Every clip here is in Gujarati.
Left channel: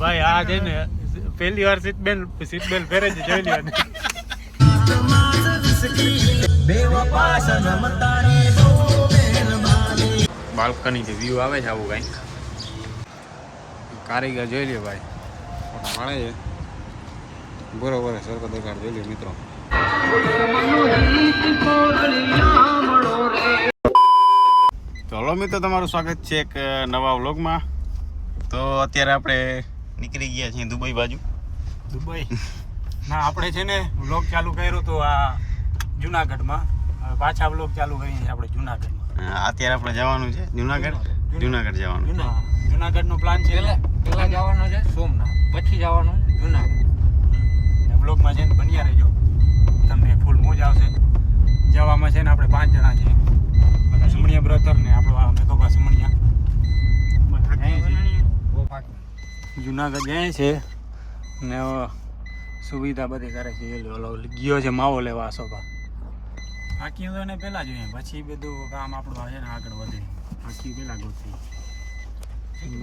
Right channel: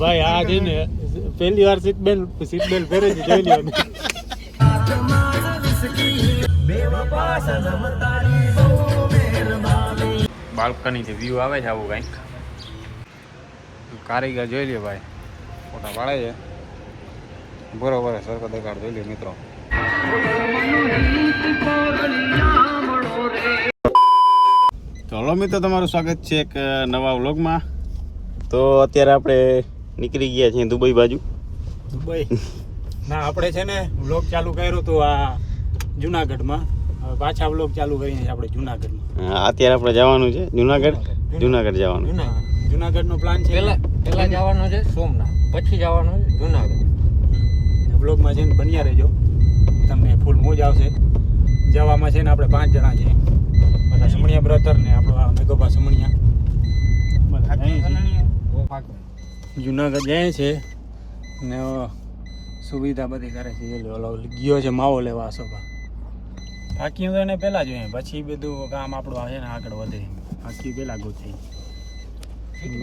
ભાઈ આ છે ને પહેલી વાર સીટ બેલ્ટ પહેરે છે, જોઈ લ્યો ને. બાલ્કનીથી વ્યૂ આવે છે આવું કંઈક. કારીગર જોઈ લ્યો ભાઈ, ફોટા પાડે છે બરોબર. સરખો દેખાડ જોઈ લ્યો મિત્રો. ચલો મિત્રો, તમારું સ્વાગત છે એક નવા વ્લોગમાં. તો અત્યારે આપણે નીકળી ગયા છીએ દુબઈ બાજુ. દુબઈ ના, આપણે છે ને વ્લોગ ચાલુ કર્યો તો આ જુનાગઢમાં. હવે પાછા વ્લોગ ચાલુ કરીને આપણે જુનાગઢમાં. અત્યારે આપણે જવાનું છે જુનાગઢ જવાનું. જુનાગઢનો પ્લાન છે. પહેલા જવાનું છે સોમનાથ, પછી જવાનું છે જુનાગઢ. વ્લોગમાં છે ને બન્યા રહેજો, તમને ફૂલ મોજ આવશે. જવામાં છે ને આપણે 5 જણા છીએ. બધા સમણિયા બ્રધર ને આપણો આ મેઘોબા સમણિયા જુનાગઢ જાય છે ને સુવિધા બધી કરે છે. ઓલો ગયો છે માવો લેવા સોફા. બાકી તો એને પહેલા જોઈએ, પછી બધું કામ આપણું આવે ને આગળ વધે. બાકી પહેલા ગોઠવી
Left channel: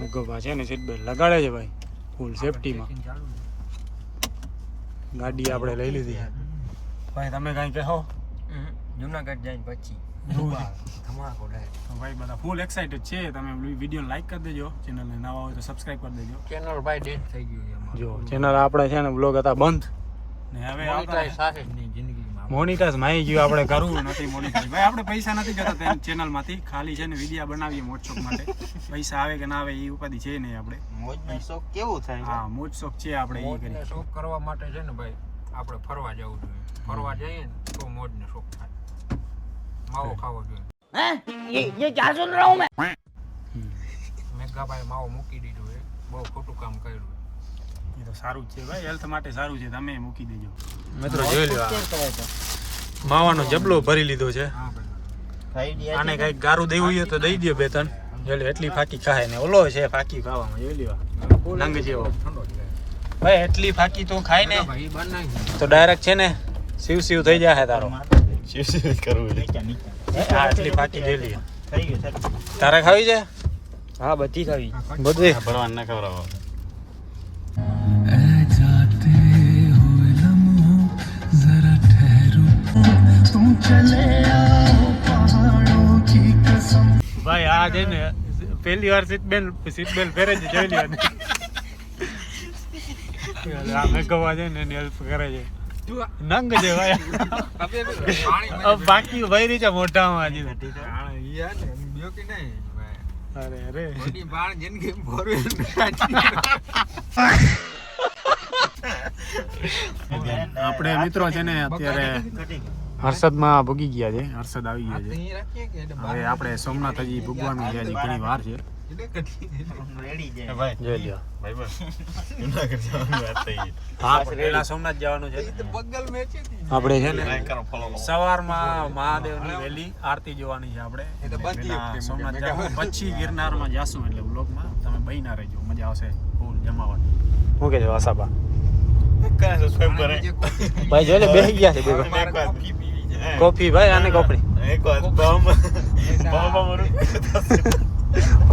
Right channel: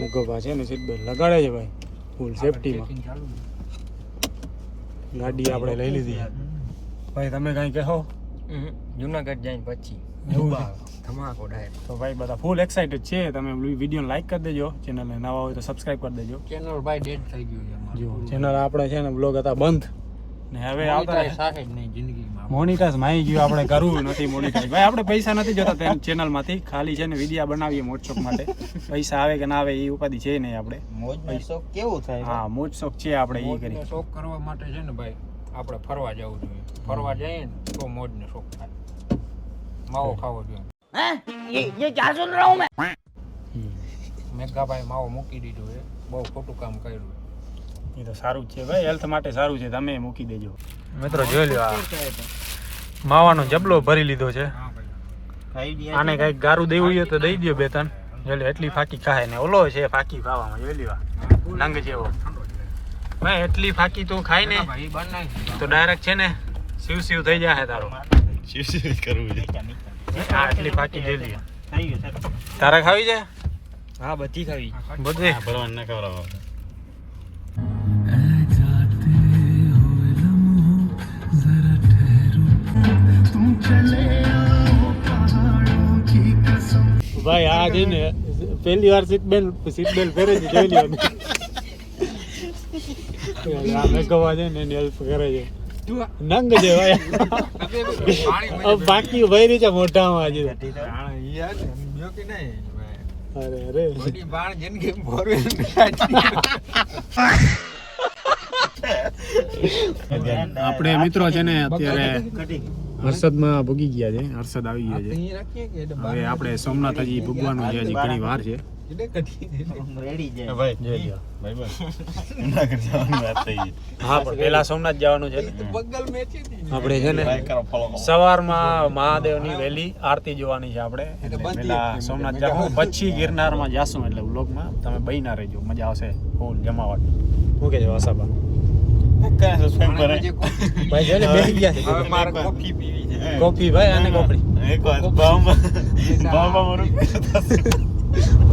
મેઘોબા છે ને સીટ બેલ્ટ લગાડે છે ભાઈ, ફૂલ સેફટીમાં. ગાડી આપણે લઈ લીધી. ભાઈ તમે કાંઈ કહો? જુનાગઢ જઈને પછી ધમાકો ડાયરેક્ટ. તો ભાઈ બધા ફૂલ એક્સાઇટેડ છે. તમે વિડીયો લાઈક કરી દેજો, ચેનલને નવા હોય તો સબસ્ક્રાઇબ કરી દેજો. ચેનલ ભાઈ ડેડ થઈ ગયું છે. જો ચેનલ આપણે છે ને બ્લોગ હતા બંધ ને હવે મોનિટાઈઝ માઈ ગયું. આપણે કરવું નથી મોનિટાઈઝ. ભાઈ આપણે પૈસા નથી જોતા ચેનલમાંથી, ખાલી છે ને વિડીયો બનાવીએ મોજ શોખ માટે. પૈસા આવે કે ના આવે એ ઉપાધિ છે નહીં આપણે. મોજ શોખ કેવું થાય? હા, મોજ શોખ છે આપણે. એ કરી શોખ કરવા માટે છે ને ભાઈ આપણે ફરવા જવું જોઈએ. ફરવા જઈએ ને તો મોજ ને શોખ થાય. માવો ખાવો જોઈએ. ये क्या सुन रहा हूँ मैं? મેઘાભાઈ માવો મૂકી દીધો છે, બહુ ખોટું કામ કર્યું. એ તો સારું જ છે ભાઈ, હેલ્થ માટે સારું છે. તમે મૂકી દેજો મિત્રો. જોઈ લો, માવાનો જબલો ભરી લીધો છે. આને કઈક ગારું દેવું હોય તો દઈ દો 2-3. જોઈ લો એટલી ફાકી ખાય ને ઓલો છે ફાકી ખાવામાં. જોઈ લ્યો નંગ જેવો ભાઈ, એટલી ફાકી તું ખાય ને તો ડાયરેક્ટ છે ને શિવ થઈ જાય તારો. શિવ કરવું છે. આટલી ફાકી જોઈ લ્યો. તારે ખાવી છે? હા, બધી ખાવી. બધું ભરવાન ના ખવડાવો. ભાઈ આ છે ને પહેલી વાર સીટ બેલ્ટ પહેરે છે, જોઈ લ્યો ને. આ મેઘોબા છે ને એની હેલ્પ કરે છે. નંગ છે ભાઈ. બાકી ભરી છે મોઢામાં હજી. અરે અરે આપણે મિત્રો છે ને અત્યારે હર્ષદમાં ભૂગી ગયા છે. હર્ષદ આવી ગયા છે. હવે આપણે સોમનાથ હજી ભૂગવાનું છે, હજી ઘણી વાર છે. હા, પેલા સોમનાથ જવાનું છે. આપણે છે ને સવારમાં મહાદેવની વહેલી આરતી જોવાની છે. આપણે પેલા સોમનાથ જવાનું, પછી ગિરનારમાં જાશું. એટલે વ્લોગમાં તમે બહીના રહેજો, મજા આવશે ફૂલ જમાવટ. શું કે છે વસાબા? ભાઈ જોઈ લે બેસી ગયા છે. કોફી ભાઈ, આને કોફી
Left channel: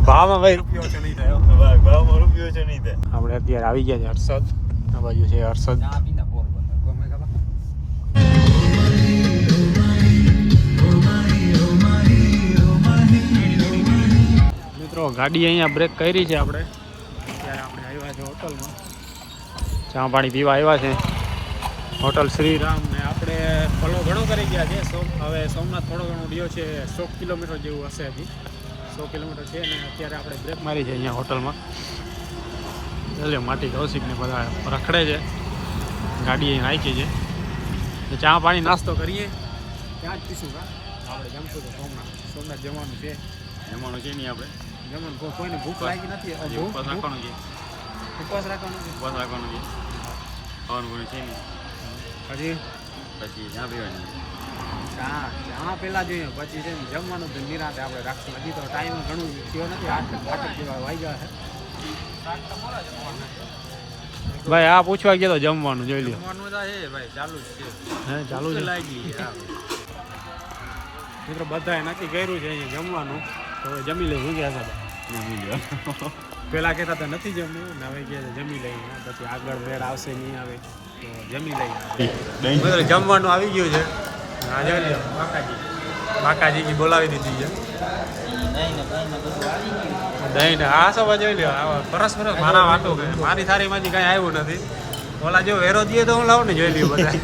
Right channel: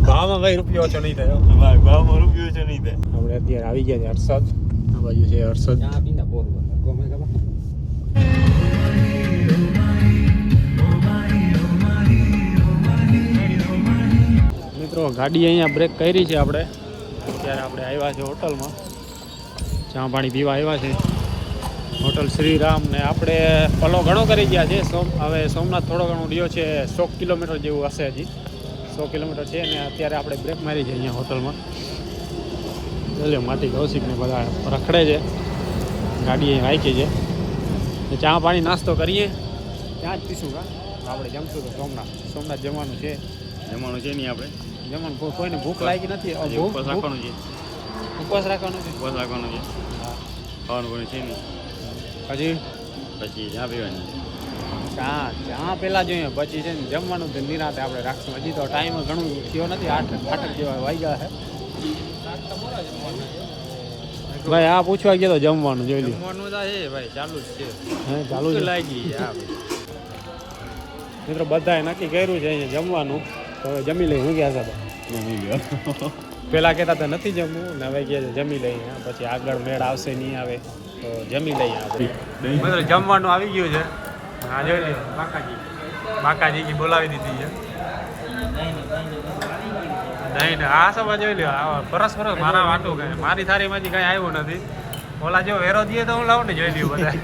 ભાવમાં ભાઈ રૂપિયો ઓછો નહીં થયો. આપણે અત્યારે આવી ગયા છે હર્ષદ. આ બાજુ છે હર્ષદ. મિત્રો ગાડી અહીંયા બ્રેક કરી છે આપણે. અત્યારે આપણે આવ્યા છે હોટલમાં, ચા પાણી પીવા આવ્યા છે. હોટલ શ્રીરામ. ને આપણે પલો ઘણો કરી ગયા છે. હવે સોમનાથ થોડો ઘણો રહ્યો છે, 100 કિલોમીટર જેવું હશે. હજી 100 કિલોમીટર છે ને અત્યારે આપણે બ્રેક મારી છે અહીંયા હોટલમાં. ચાલો માટી કૌશિકને બધા રખડે છે. ગાડી અહીં રાખી છે. ચા પાણી નાસ્તો કરીએ, ત્યાં જ પીશું. આપણે જમશું તો સોમનાથ જમવાનું છે. નહીં આપણે જમવાનું કોઈને ભૂખ લાગી નથી. ઉપવાસ રાખવાનું છે. ઉપવાસ રાખવાનું છે. ખાવાનું કોઈ છે નહીં. પછી ચા પીવાની. ચા પેલા જોઈએ, પછી છે ને જમવાનું તો નિરાતે આપણે રાખશું. હજી તો ટાઈમ ઘણું થયો નથી, 8 જેવા વાગ્યા છે. ભાઈ આ પૂછવા ગયો તો જમવાનું જોઈ લો. જમવાનું ભાઈ ચાલુ જ છે. હે ચાલુ જ લાગી. મિત્રો બધાએ નક્કી કર્યું છે અહીંયા જમવાનું. તો હવે જમી લઈ. હું ગયા સાહેબ? પહેલાં કહેતા હતા નથી જમવું ને હવે કહે છે જમી લઈએ. પછી આગળ મેળ આવશે નહીં આવે તો જમી લઈએ આપણે. બધું જમવાનું આવી ગયું છે. હા જોઈ લ્યો બાકાજી બોલાવી દીધી છે. દહીં ને આ સવા જોઈ લ્યો આ પરસ મારા વાટું કંઈ મારી થાળીમાંથી કાંઈ આવ્યું નથી. ઓલા જો વેરો દઈએ તો હું લાવું ને જોઈ લ્યો બધા.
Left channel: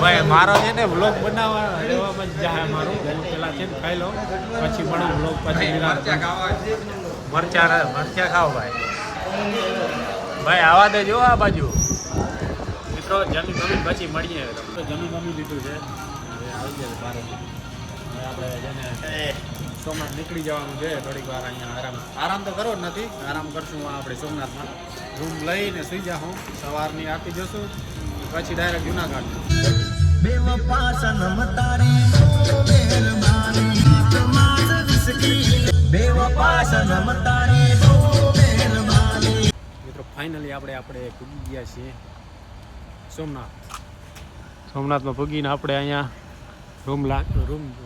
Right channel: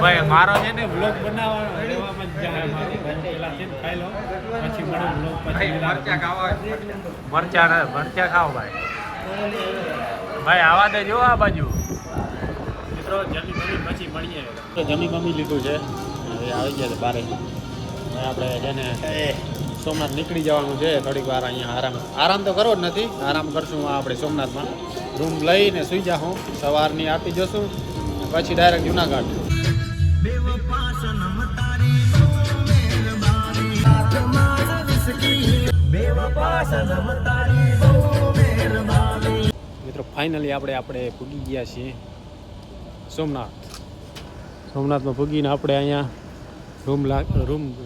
ભાઈ મારો છે ને બ્લોગ બનાવવા રહેવામાં જ જાય મારું. હું પેલા છે ને ખાઈ લઉં પછી મળું બ્લોગ પછી મરચા ખાઓ ભાઈ. ભાઈ આવા દે જો આ બાજુ મિત્રો જમી બમી પછી મળીએ. જમી બમી લીધું છે હવે આવી ગયા છે બારે. હવે આપણે છે ને સોમનાથ નીકળી જવાનું છે થોડીક વાર. અહીંયા આરામ તો કરવો જ નથી. આરામ કરશું આપણે સોમનાથમાં રૂમ લઈને સુઈ જાઉં. સવારની આરતી જોશું પછી ડાયરેક્ટ જુનાગઢ. મિત્રો ફાઇનલી આપણે પૂગી ગયા છીએ સોમનાથમાં પૂગીને આપણે અહીંયા રૂમ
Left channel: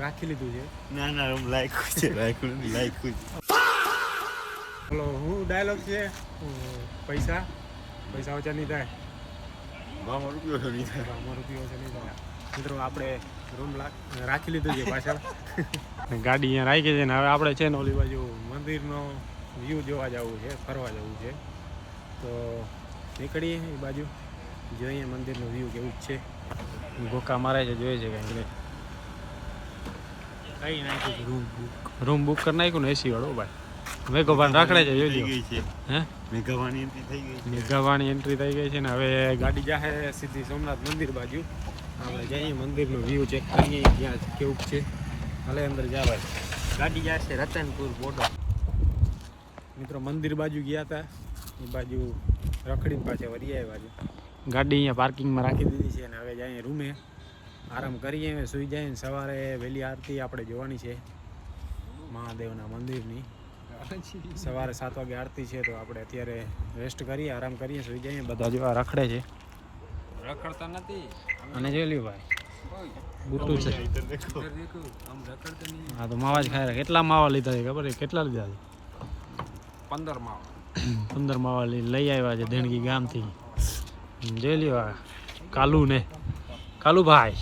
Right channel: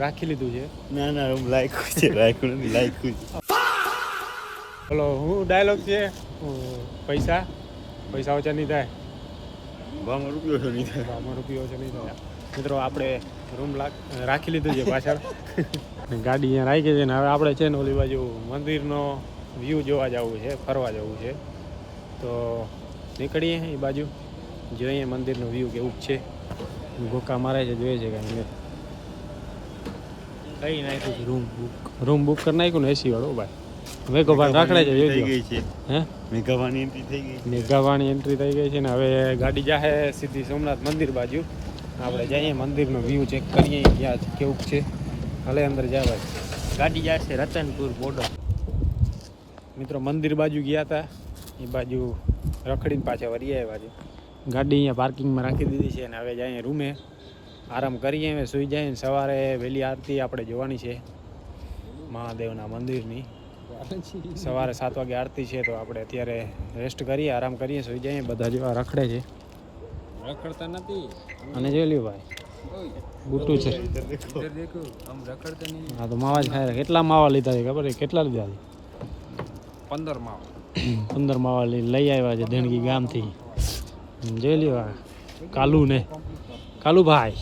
રાખી લીધું છે. ના રૂમ લાયકું છે લાયકું. બોલો હું ડાયલોગ છે પૈસા ઓછા નહીં થાય. ભાવમાં રૂપિયો છો નહીં થાય. રૂપિયો છે નહીં થાય. મિત્રો આપણે રૂમ રાખી લીધું છે પાછળ. ગાડી અહીંયા રાખી છે ને હવે આપણે છે ને ઓલી બાજુ મંદિરનો વ્યૂ જોવા જવું છે, ફરવા જવું છે. તો નીકળીએ એ બાજુ જોઈએ મંદિરનો વ્યૂ કેવું છે. ગોકા મારે છે જોઈએ છે કાંઈ કઈ નાખ્યું છે રૂમ બુક કરી નાખ્યું ને એસી વાળો ભાઈ. મેઘોભાઈ રાખડે છે જોજો. હે મેઘાવાની એન્ટ્રી થઈ ગઈ. મેઘાવાની એન્ટ્રી થઈ ગઈ છે ને હવે ગાડી જાહે સીધી સોમનાથ મંદિર બાજુ. આપણે જઈએ મંદિરનો વ્યૂ ચેક કરીએ ક્યાં કેવું છે. ભલે અંદર જવાય. ગાડી જાય છે રતનપુર બોર્ડર. મિત્રો મંદિર બાજુ ગયા હતા એ બાજુ રખડીને પાછા વળી આવ્યા છે. ગાડી અહીંયા પાર્કિંગમાં રાખી દીધી છે અને હવે જઈએ રૂમે આરામ કરીએ. હવે સૂઈ જાય. સવારે વહેલી આરતી આપણે જોવાની છે મહાદેવના મંદિરની. સવારે 7 વાગે આરતી છે તો આપણે અત્યારે રેસ્ટ કરીએ, આરામ કરીએ, સૂઈ જઈએ. બધા જેવા રખડે છે. રખડતા નથી અને જોઈ લ્યો ભાઈ બુટ્ટુ છે. હા તો માવા જ ખાય. કેટલા માવા લીધા છે ખબર છે? કેટલા લીધા છે? 15 માવા. 15 માવા લઈ આવ્યા છે દેણગી ગામથી. જોઈ લ્યો આ કાલુભાઈ.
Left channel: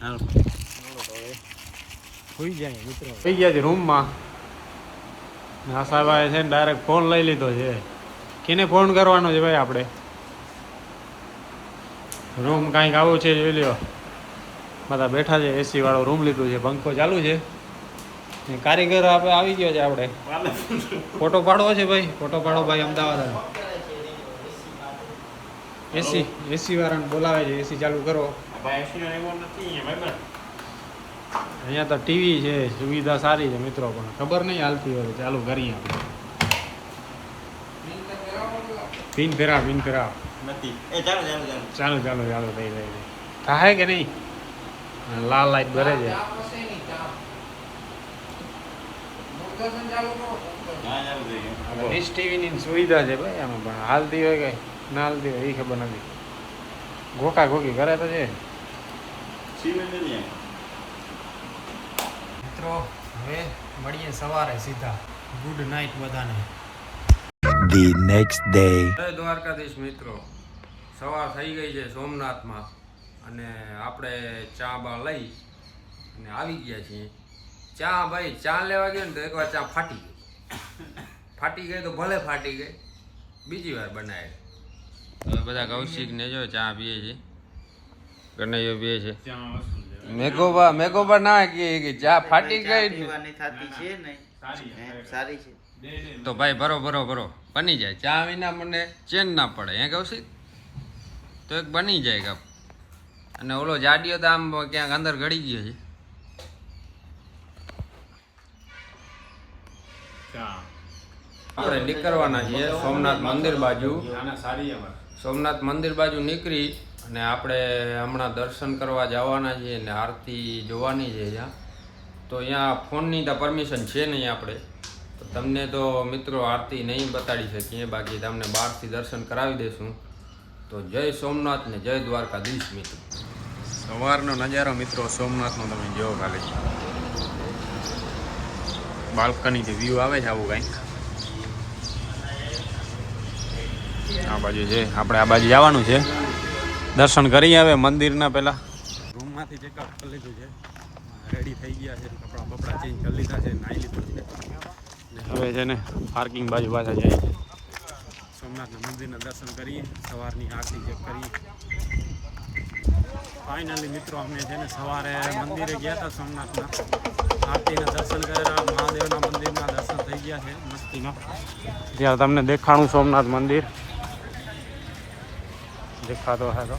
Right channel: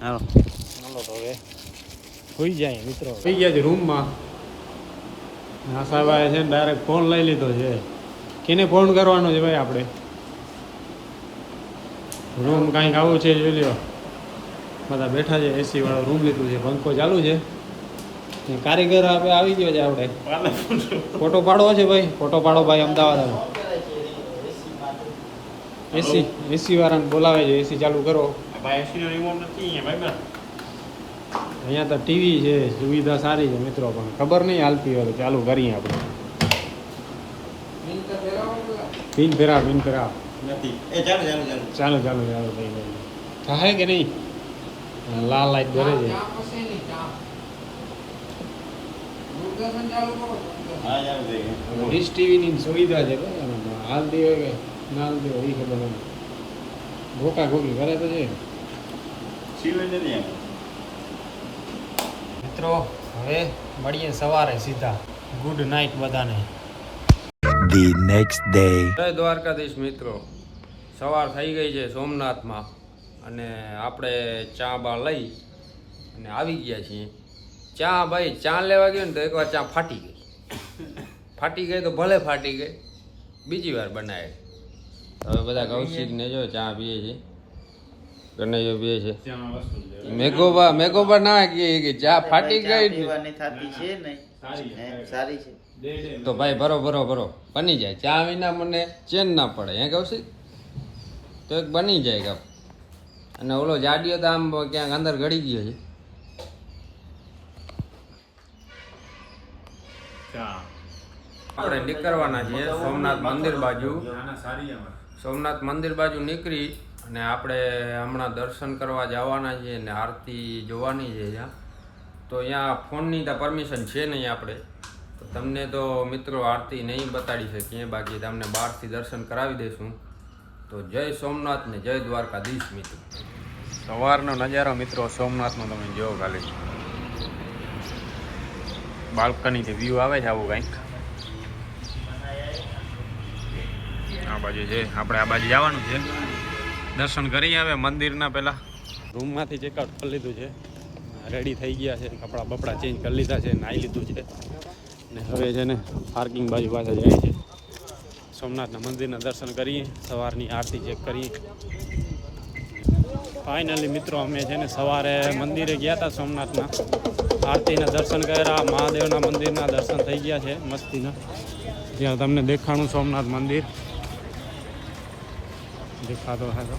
હાલો હવે સુઈ જાય મિત્રો. સુઈ ગયા છે રૂમમાં. આશાભાઈ છે ને ડાયરેક્ટ ફોન લઈ લીધો છે. કેને ફોન કરવાનો છે ભાઈ આપણે? રૂમ કાંઈક આવું છે જોઈ લ્યો. બધા બેઠા છે. એસી વાળો રૂમ લીધું છે. પંખો ચાલુ છે. કારીગર આપણે આવી ગયો છે. આપણે ફોટો પાડવો છે ભાઈ. ફોટો પાડો ભાઈ અમદાવાદ. એસી વાળાને બોલાવે છે. એસી ચાલુ કરો. અહીંયા તો ટીવી છે. સુવિધા સારી છે મિત્રો પણ ખબર નહીં હાલતી હોય. ચાલુ કરીએ આપણે. પિન ફેરા નથી. એ ચાલો ચાલો લઈ થાય કે નહીં? લાલ લાઈટ ભરે છે. હા ચાલુ જોઈએ. ડીશ ટીવીની સુવિધા છે ભાઈ આમાં પણ હાલતી હોય કે ના હાલતી હોય એ ખબર નથી. ગોકા ગોકી કરે તો છે મિત્રો. હવે મળીએ સવારે સીધા. ગુડ નાઇટ બધાને. The next day. જય દ્વારકાધીશ મિત્રો. સવાર થઈ ગઈ છે સોમનાથમાં અને આપણે ચા બા લઈ અને આવી ગયા છીએ. ચા લેવા ગયો ને તો એકવાર ચા ફાટી ગઈ તો ભલે ફાટી ગઈ, બીજી વાર બનાવે. હવે બધા કૌશિકને જો ચા પીએ છે, કનૈયો પીએ છે. મેઘોબા ના કે ચા ફાટી ગઈ તો ભાઈ ભરો બની જાય. ચા વિના મને ચેન ના પડે. હે કૌશિક? તો એક બની જાય કપ. અને ઓલો જાડિયો તો આમ ક્યાંક અંદર ગળી ગયો છે. આપણે નીકળવાના છીએ સોમનાથ મંદિર બાજુ. સોમનાથ મંદિર બાજુ નીકળી અને આપણે હમણાં દર્શન કરવા જવાના છીએ અને આરતી જોવાની છે ત્યાં. તો અહીંયા ફોનની તો પરમિશન છે નહીં આપણે. તો તમને તો મિત્રો આરતી નહીં બતાડી શકીએ, બાકી તમને બહારથી દર્શન કરાવી દઈશું. તો જય સોમનાથ ને જય દ્વારકાધીશ મિત્રો. સવારનો નજારો મિત્રો સોમનાથનો તમે જોવો ખાલી. બાલ્કનીથી વ્યૂ આવે છે આવું કંઈક. આ બાજુ છે, આપણે આ બાજુ જવાનું છે. દર્શન કરી આવે મંદિરના પહેલાં. રૂમમાંથી ચેકઆઉટ કરી લીધું છે, રેડી થઈ ગયા છે, કપડાં બપડા ચેન્જ કરી લીધા છે, નાહી લીધું છે ને હવે છે ને પાર્કિંગ બાજુ પાછા જાય છે. સોમનાથના મંદિરના દર્શન કરીએ, સવારની આરતી ચેક કરીએ. ફાઇનલી મિત્રો અમે છે ને સવારે મંદિરે ગયા હતા સોમનાથના, આરતીના દર્શન કર્યા, મહાદેવના મંદિરના દર્શન થઈ ગયા છે મસ્તીમાં. ત્યાં તમને દેખાણું સોમનાથ મંદિર દેખાતો હે તો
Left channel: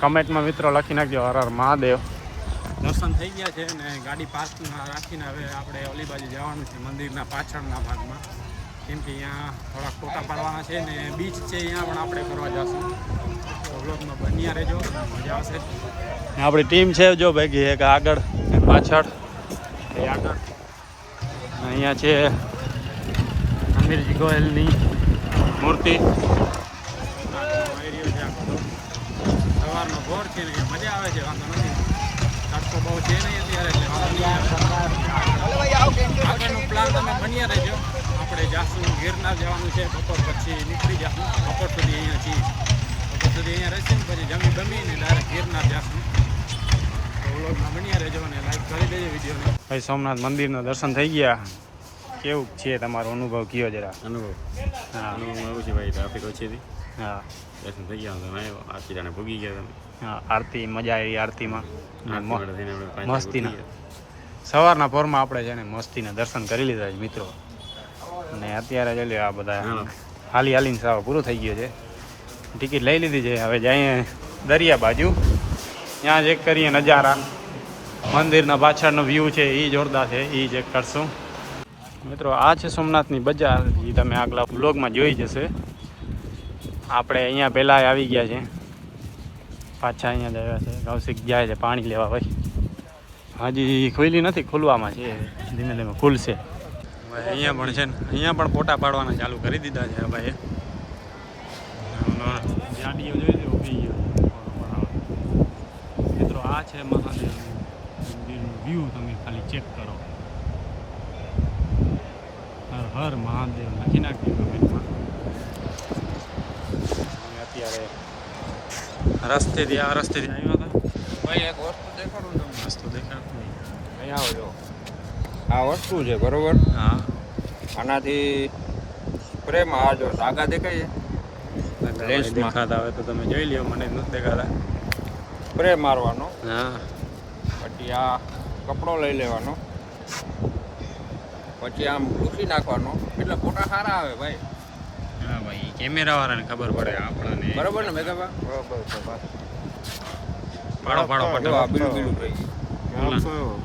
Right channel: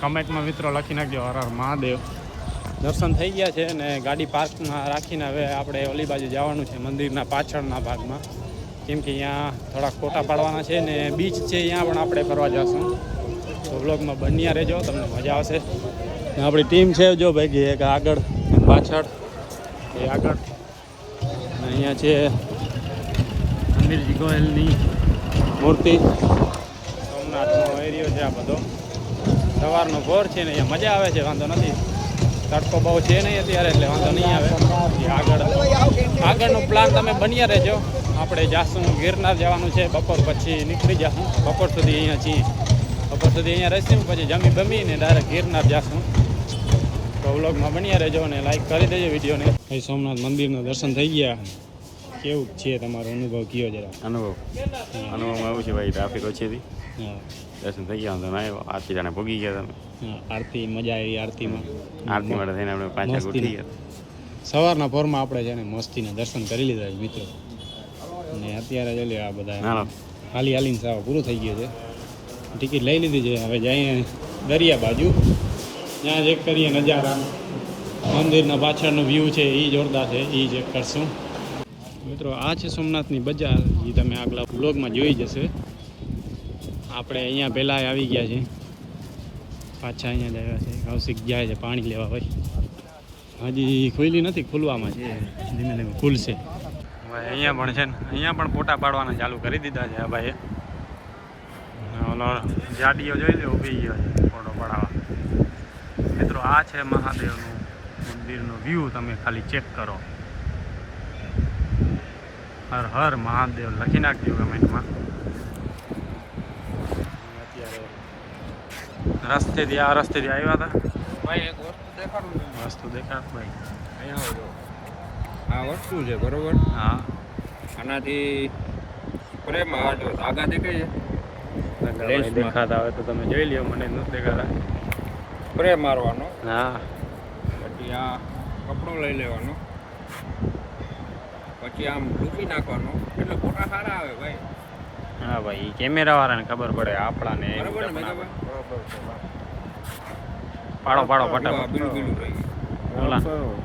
કમેન્ટમાં મિત્રો લખી નાખજો હર હર મહાદેવ. દર્શન થઈ ગયા છે અને ગાડી પાર્કમાં રાખીને હવે આપણે ઓલી બાજુ જવાનું છે મંદિરના પાછળના ભાગમાં, કેમ કે અહીંયા થોડાક ફોટા પાડવાના છે ને બીચ છે, અહીંયા પણ આપણે કરવા જઈશું. તો વ્લોગમાં બન્યા રહેજો, તમને મજા આવશે. આપણી ટીમ છે જો ભેગી, એક આગળ એક પાછળ, બે આગળ. અહીંયા છે અમીરજી ગોયલની મૂર્તિ. સોમનાથનો એરિયો છે આ બધો, સવારનો ભોર છે ને અહીંયા મજા આવે છે, વાંધો નથી. તડકો બહુ છે નહીં અત્યારે એટલે વાંધો નહીં આવે. આગળનો પ્લાન તમે બન્યા રહેજો. આપણે જાશું ગિરનાર જવાનું છે, બપોર પછી નીકળી જશું. બપોર સુધી અહીંયા છીએ, બપોર સુધી અહીંયા રહીશું, પછી જમી બમીને ડાયરેક્ટ ગિરનાર જશું. તો વ્લોગમાં બન્યા રહેજો અને લાઈક કરી દેજો વિડીયોને. ભાઈ સોમનાથ મંદિરના દર્શન થઈ ગયા, કેવું છે તમારો અનુભવ કયો જરા? અનુભવ અનુભવમાં એવું છે ભાઈ, ટ્રાફિક ઓછી હતી. હા, દર્શન થઈ ગયા, તમે આવ્યો આરતી જાણે ભોગી ગયા તમે. હા, આરતી મજા આવી. આરતીમાં આરતી માટે થઈને આપણે 5 મસ્તીના સવારના પોરમાં આપણે છે ને મસ્તીના દર્શન કરી લીધા છે મિત્રો. અને અત્યારે જોઈ લો આ બધા હાલી હાલીને સાવ પૂરું થઈ ગયું છે. ટિકિટ લઈ લીધી છે, હવે જઈએ દરિયા બાજુ, ત્યાં ચેક કરીએ નજારા. મંદિરના પાછળનો વ્યૂ છે એ જોરદાર છે, એ ચેક કરશું મિત્રો. આ છે સોમનાથની બજાર, એ તમે આગલા વ્લોગમાં જોઈ જશે. આપણે અહીંયા પહેલાં આવી ગયા છે, પાછા અહીંયા જ આવ્યા છે. કૌશિક જાય છે પાણી લેવા. ભાઈ હજી ખુલ્લી નથી, ખુલવામાં છે, ધીમે ધીમે ખુલશે. હવે અહીંયા પણ છે ને, અહીંયા પણ ફોટા પાડવાના ચાલુ કરી દીધા છે ભાઈએ. ઓલો જાડીઓ જોઈ લો ઊભી ગયો છે ફોટો પડાવવા. મિત્રો આ છે મહાદેવનું મંદિરનો વ્યૂ, તમે ખાલી ચેક કરો. હર હર મહાદેવ લખી નાખજો કમેન્ટમાં. અત્યારે રસ્તેથી આવ્યા હતા. ભાઈ એક વસ્તુ દેખાડું તમને. વસ્તુ દેખાડ ભાઈ. અહીંયા આવજો. આ વસ્તુ છે બરોબર, હા, આનાથી પ્રેમ આ જો ધાગા દેખાય છે, દેખાતા હોય તો તમે જોઈ લ્યો, મને નથી દેખાતા. સ્પ્રે મારવાનો, હા, પછી આ કપડો લઈ લેવાનો, પછી આમ ભૂસી નાખવાનો, એટલે ફોટા સારા આવે ભાઈ. હા ભાઈ, કેમેરા વાળાને ખબર પડે, આપણાને બરોબર ને મેઘાબા? પાડો પાડો જો આ ફટાફટ. બીલું બીલું થઈ ગયું.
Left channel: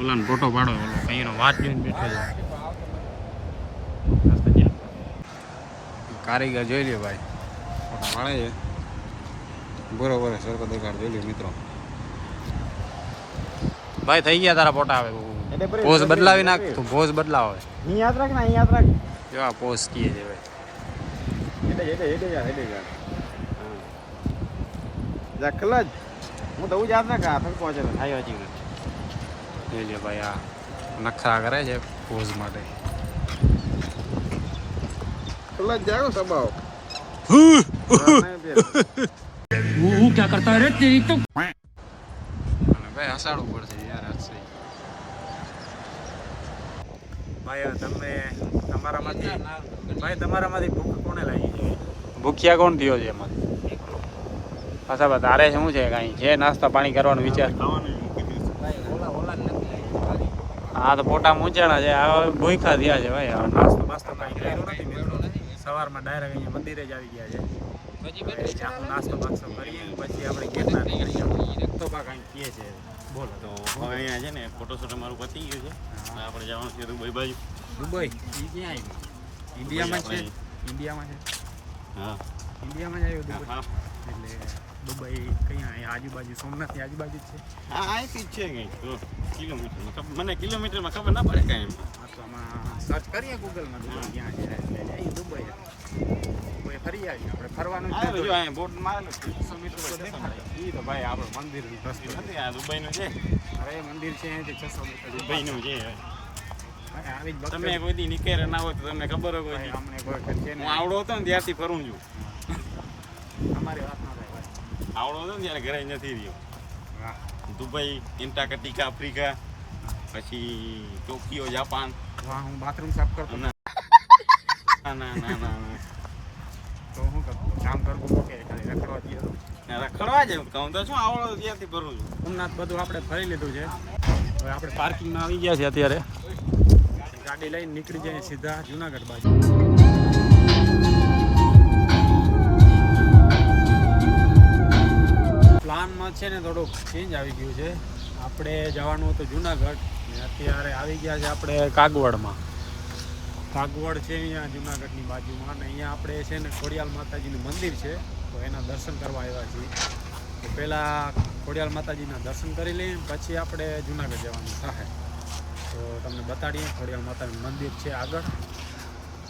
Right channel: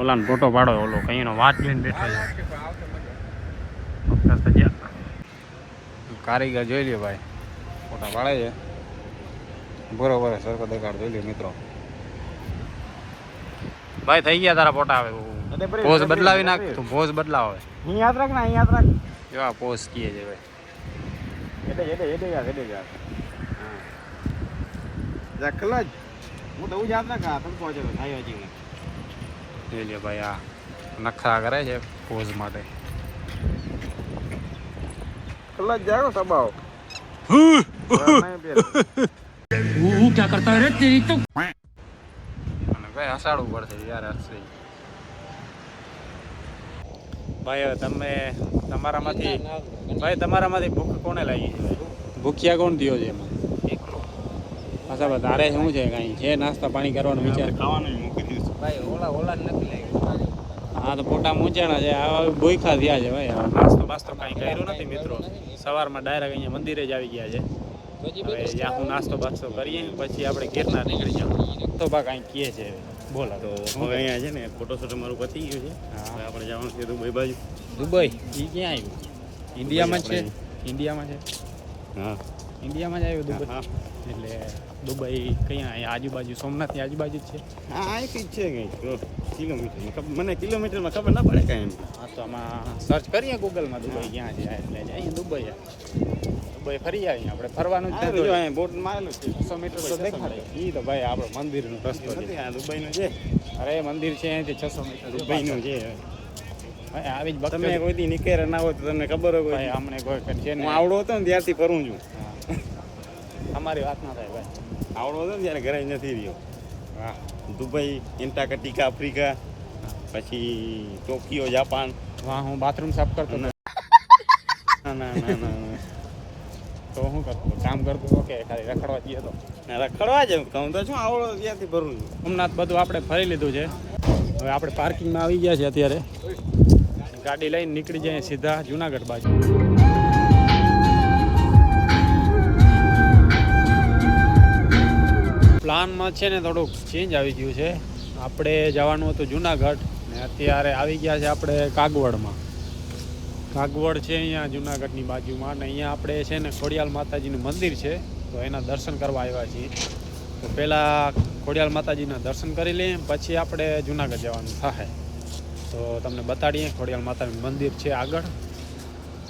ઓલાને ફોટો પાડો, ઓલો કઈનો વાત જોઈને બેઠો છે. કારીગર જોઈ લ્યો ભાઈ, ફોટા પાડે છે બરોબર. સરખો દેખાડ જોઈ લ્યો મિત્રો. ભાઈ થઈ ગયા તારા ફોટા. આવે પોઝ બદલાવી નાખ, તું પોઝ બદલાવ. હવે અહીં યાદ રાખ ને, અહીં યાદ રાખ. જો આ પોઝ કીએ છે ભાઈ. કલજ હું તો યાદ રાખ, આ થડકો છે થાય હજી. જોઈ લ્યો ભાઈ, આ નખરા કરે છે પોઝ માટે. કલજ જાગો સબાવ. वो क्या करता है तेरी तो અને ભાઈ હસાડવું પડશે યાર. હસશે ભાઈ. હવે તમારામાંથી ભૂખ કોને લાગી? ભૂખ્યા કોણ થયો છે એમાં? પાછા બા તારે શું છે, કાંઈ છે નાસ્તા પાણી કરવાનો વિચાર? ખાવાનું મૂકી દીધું ભાઈ ઓલા નથી લાગી. હા તો પોટા મૂંચાણા છે, આ ભૂખા થયા છે ભાઈ. નાસ્તો બાસ્તો કાંઈ કર્યો નથી મિત્રો. સવારમાં ડાયરેક્ટ અહીંયા મંદિરે જ આવી ગયા છે. હવે જ્યાં હું નાસ્તો બાસ્તો કરીએ ને પછી આપણે ગિરનાર નીકળી જાવ. તો બા કાંઈ કહે છે, બોલો. તો હવે અહીંયા છે ને ફોટોશૂટ અમારું પતી ગયું છે. હવે આપણે જવાનું છે દુબઈ બાજુ. દુબઈ? એ ક્યાં આવ્યું? ઇન્ડિયામાં જ છે? ઇન્ડિયામાં છે? હા, ઇન્ડિયામાં જ આવ્યું દુબઈ? હા. એટલે દુબઈ ક્યાં? અહીંયા આજુબાજુ, સોમનાથની આજુબાજુ જ છે? હા, અહીંથી જ છે કંઈક તો કિલોમીટરમાં. મને કિલોમીટરમાં ખબર ના પડે કાંઈ એમ. હા તો આમાં સર્ચ કરીએ ગૂગલમાં દુબઈ ક્યાં છે, એટલે અહીંયા દુબઈ. દુબઈ ફરી આવીએ આપણે. ફરવાનું જ જો નથી. અહીંયા બોર્ડ મારેલું છે 600 મીટર તો દેખાડે. એ તો ભાઈ આપણે મંદિરનું રસ્તો નથી, છે. આ દુબઈનું છે. અરે મંદિર છે અહીંથી 600 મીટર દુબઈનું છે. ભાઈ આવી જ તમે બકરી કોઈ દી નીકળે ના હોય તો તમને ખબર હોય ભાઈ કોઈ અમને કોઈ છે હું ને આવડો હતો ને ત્યારથી ફરું છું. અમારી વાત ના થાય ભાઈ. આવડો હતો ને ત્યારે ઘરે નથી રહ્યો. વાહ દુબઈ, એન્ટાર્કટિકા, આફ્રિકા, પછી ટોકિયો, જાપાન. વાહ હું બાથરૂમ સાફ કરતો ના ના ના ના તો શું કરતો કામ કરતો તો કે ખાલી રખડવા જઈએ તો ના રખડવા જ કહું તો શું આવડો ત્યારથી ભરું છું. સોમનાથ બધું આપણે ફરી લીધું છે. હવે આપણે પાર્કિંગમાં આવી ગયા છે અત્યારે. ગાડી લઈને નીકળી જઈએ સીધા જુનાગઢ બાજુ. પ્લાનમાં છે ને થોડુંક ચેન્જ આવી ગયું છે. આપણે જવાનું હતું જુનાગઢ ને અત્યારે આવી ગયા છે આપણે કાગવડમાં. કાગવડ છે અહીંયા જુનાગઢની બાજુમાં અને અહીંયા આપણે છે ને ખોડિયાલ માતાજીનું મંદિર છે તો એના દર્શન કરવા આવ્યા છીએ. તો પહેલાં ખોડિયાલ માતાજીના દર્શન કરી લઈએ પછી આપણે જુનાગઢ જવાનું થાય. તો તમને બતાડીએ ખોડિયાલ માતાનું મંદિર છે આગળ.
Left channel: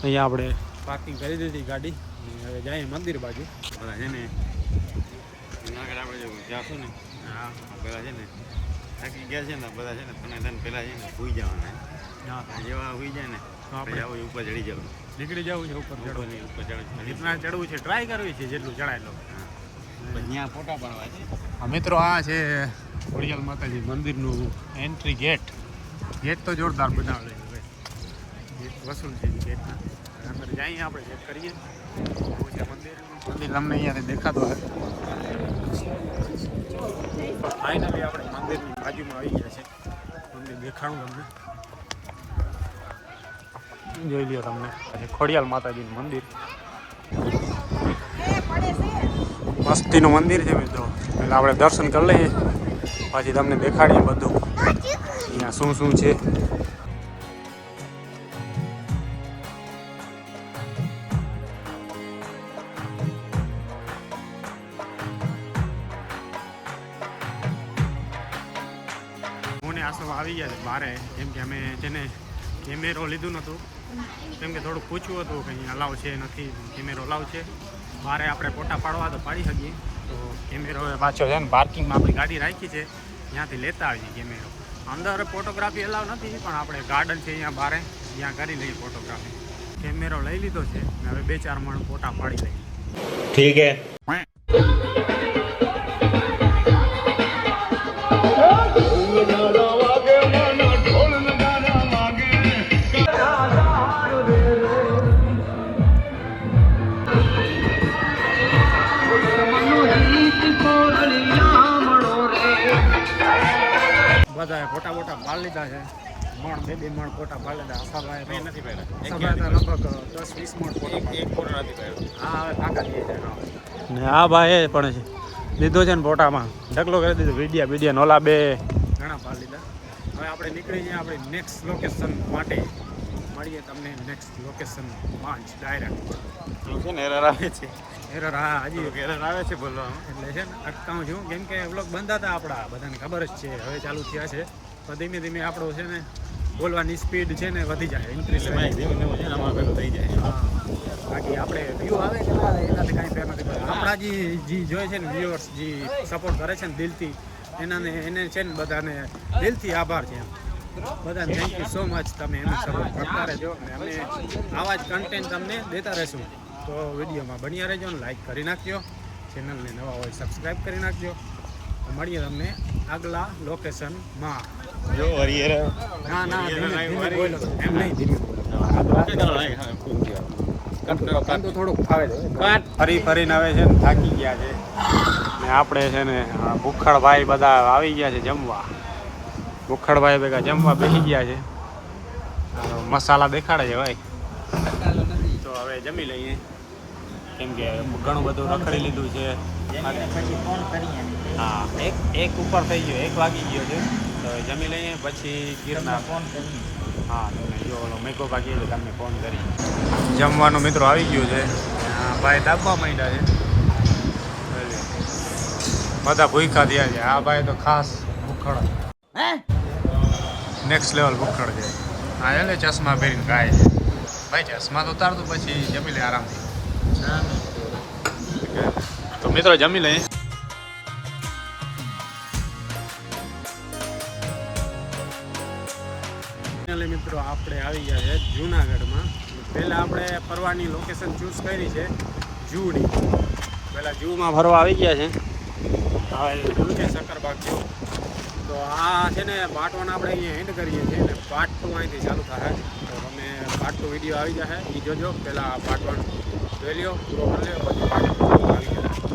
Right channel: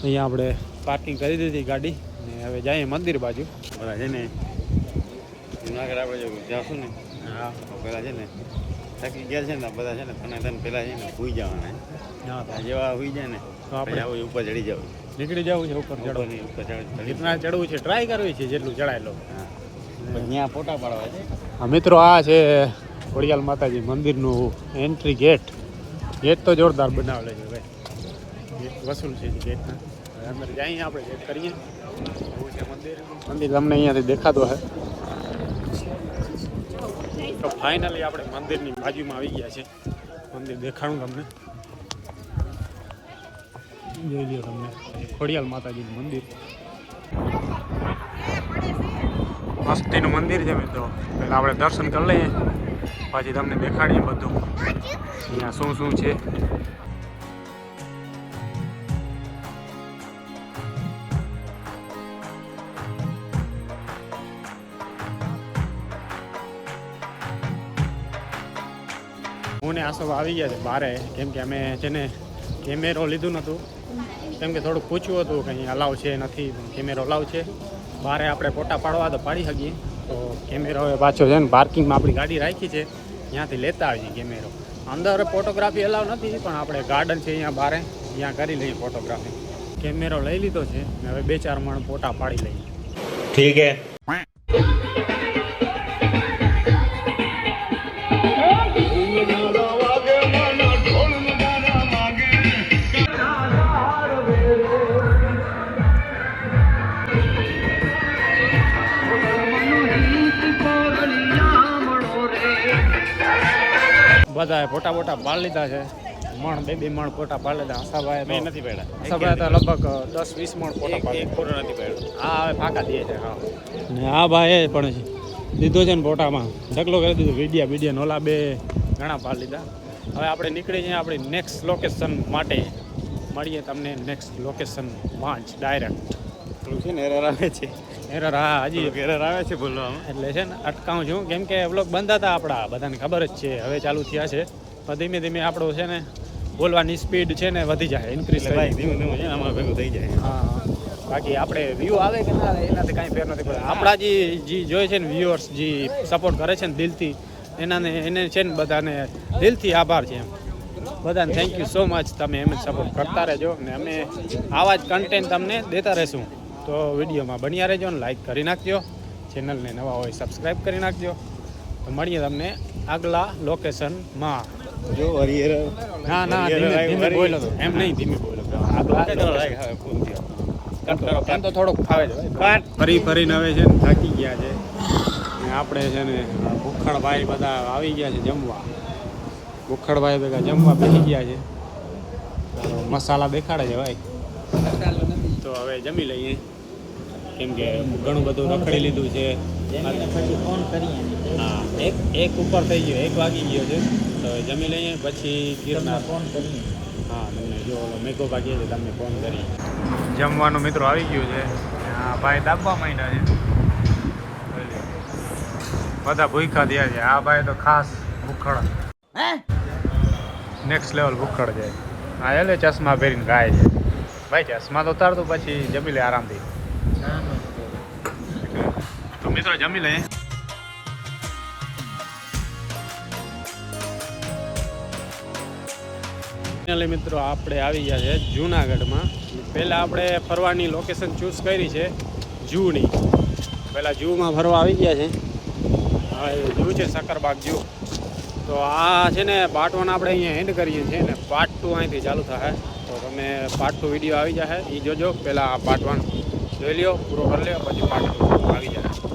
અહીંયા આપણે પાર્કિંગ કરી દીધી ગાડી ને હવે જઈએ મંદિર બાજુ. બધા છે ને જુનાગઢ આપણે જો જાશું ને હા પેલા છે ને થાકી ગયા છે ને બધા છે ને તને પેલા છે ને સુઈ જવાના. હા જેવા સુઈ જાય ને તો આપણે આવું ઉપર ચડી જાવ. નીકળી જવું છે ઉપર ચડો. ઉપર ચડી રીતના ચડવું છે ટ્રાય કરવી છે જેટલું ચડાય લો. હા ત્યાં ફોટા પાડવા છે. મિત્રો આ છે ખોડિયાલ માતાજી મંદિરનું એન્ટ્રી ગેટ. ગેટ તો જોરદાર બનાવેલો છે ભાઈ. ગેટ વસૂલ છે ગેટના. હવે અંદર જઈએ આપણે ચેક કરીએ એવું છે મંદિર. મંદિર તમને અહીંયાથી દેખાતો હે. તો ફાઇનલી આપણે મંદિરની બાજુમાં આવી ગયા છે. મંદિર દેખાડું તમને. જોઈ લ્યો તમને પછી ખોડિયાલ માતાજીનું મંદિર. મસ્તીનું મંદિર છે મિત્રો. એટલે આપણે દર્શન કરી લઈએ પછી તમને દેખાડીએ બધું અહીંયા શું શું છે. હું ને આસવ આવી ગયા છે બારે કેમ કે અમે છે ને કેમેરો લીધું નહોતું કેમ કે થોડુંક પૂછવું હતું કે અહીં અલાવ છે નથી. કેમેરો અલાવ છે બારે આપણે ફોટા પાડવા તો પાડી શકીએ. તો કેમેરો હવે પાછું છે ને પાર્કિંગમાં આપણી ગાડી રાખી છે ત્યાંથી લેતા આવીએ કેમેરો. અંદર ફોટોગ્રાફી અલાવ નથી પણ આપણે ગાર્ડન છે અહીંયા બારે ત્યાં કરી લઈએ ફોટોગ્રાફી. કેમેરો લઈ લીધો છે ને હવે 2-4 મણ ફોટા પાડી લઈએ. ठीक है. બધાએ ફોટા બોટા પાડી લીધા છે. મણ 2-2 મણ ફોટા પાડી લીધા. આશાભાઈ મેં નથી પાડ્યા. આશાભાઈ તો લગભગ 10-20 મણ ફોટા પાડી. એક ફોટો નથી પાડ્યો. હા હવે પાકા દે છે. હા ને આ ભાઈ પણ લીધો છે ને ફોટામાં ઢગલો કરી દીધો. વિડીયા નોલા 2 ઘણા પાડી લીધા. હવે આપણે નીકળી જઈએ આપણી નેક્સ્ટ લોકેશન માટે. મળીએ તમને નેક્સ્ટ લોકેશનમાં જ ડાયરેક્ટ. થોડુંક છે ને એરર આવે છે. એરર હા હજી એરર આવે છે બોલવામાં. એટલે છે ને અટકાવું છું કેમ કે વ્લોગ બંધ હતા આપણા બધાને ખબર જ છે. હવે ચાલુ થયા છે પણ ધીમે ધીમે આપણું છે ને બોલવાની સ્પીડ છે ને વધી જાય ઇન્ક્રીઝ એટલે થાય. ભાઈ ધીમે ધીમે છે ને અમારે ભેગું થઈ જાય. હા બાકી આપણે વ્યૂ આવે કે ના આવે એનાથી કાંઈ ફેર નથી પડતો. આપણા જે જોઈએ છે ને વ્યુઅર્સ જે સપોર્ટ કરે છે ને દિલથી એને છે ને બધાને દિલથી આભાર છે એમ. બધાને થેન્ક યુ સો મચ. તમે એમ સપોર્ટ કરતા રહેજો ને અમે આવા જ કન્ટેન્ટ તમને દેતા રહેશું. તો વિડીયોમાં બન્યા રહેજો ને લાઈક કરી નાખજો. ચેનલને નવા હોય સબસ્ક્રાઈબ કરી નાખજો. તો મળીએ તમને આગલા લોકેશનમાં. જો વરી એરર ના ધીમે બોલો તો એમ નહીં ધીમે બોલો. એમ તો થોડુંક ફાવે છે. ફરીને હવે છે ને થાકી ગયા છે ને આપણે છે ને ભૂખડભાઈ બધા આવી ગયા છે જમવા. ભૂખડભાઈ ભેગા જમવા બેસી ગયા છે. મસાલા દેખાડે છે ભાઈ. તો હવે જમી લઈએ કેમ કે ઘણું બધું રખડી લીધું છે. હા એક ઉપર થઈ ગયો 1 વાગી ગયો છે. તો જમી લઈએ પછી ગિરનાર ફોન કરી. હા તમને જો ઓલો મેઘો ભાગી એટલે તમને ફોન કરી. જમવાનું મિત્રો આવી ગયું છે. હા ભાઈ દાબવા માંડ્યા છે. બધા ભૂખ્યા થયા છે. આ ભાઈ તો ખાસ ભૂખડ નેક્સ્ટ લેવલ ભૂખડ છે. હા એટલે ચશ્મા પહેરીને ગાય છે ભાઈ. ચશ્મા તો ઉતારતું પછી જમી લે આરામથી. તો મિત્રો જમી લઈએ. ફાઇનલી મિત્રો આપણે આવી ગયા છે જૂનાગઢમાં. પહેલાં આપણે ફરવાની લોકેશન ચૂઝ કરી છે ઝૂની. પહેલાં ઝૂમાં ફરવા આવી ગયા છે. હા એ ઝૂ છે સક્કરબાગ ઝૂ. તો આ છે ને પાર્ટ 1 આપણે અહીંયા એન્ડ કરીએ છીએ ને પાર્ટ 2 અહીંથી ચાલુ થશે. તો તમે પાર્ટ 2 વિડીયો આવી જશે એ જોજો. પહેલાં પાર્ટ 1 જોઈ લ્યો, પૂરો કરી લ્યો, પછી પાર્ટ 2 આવી જાય.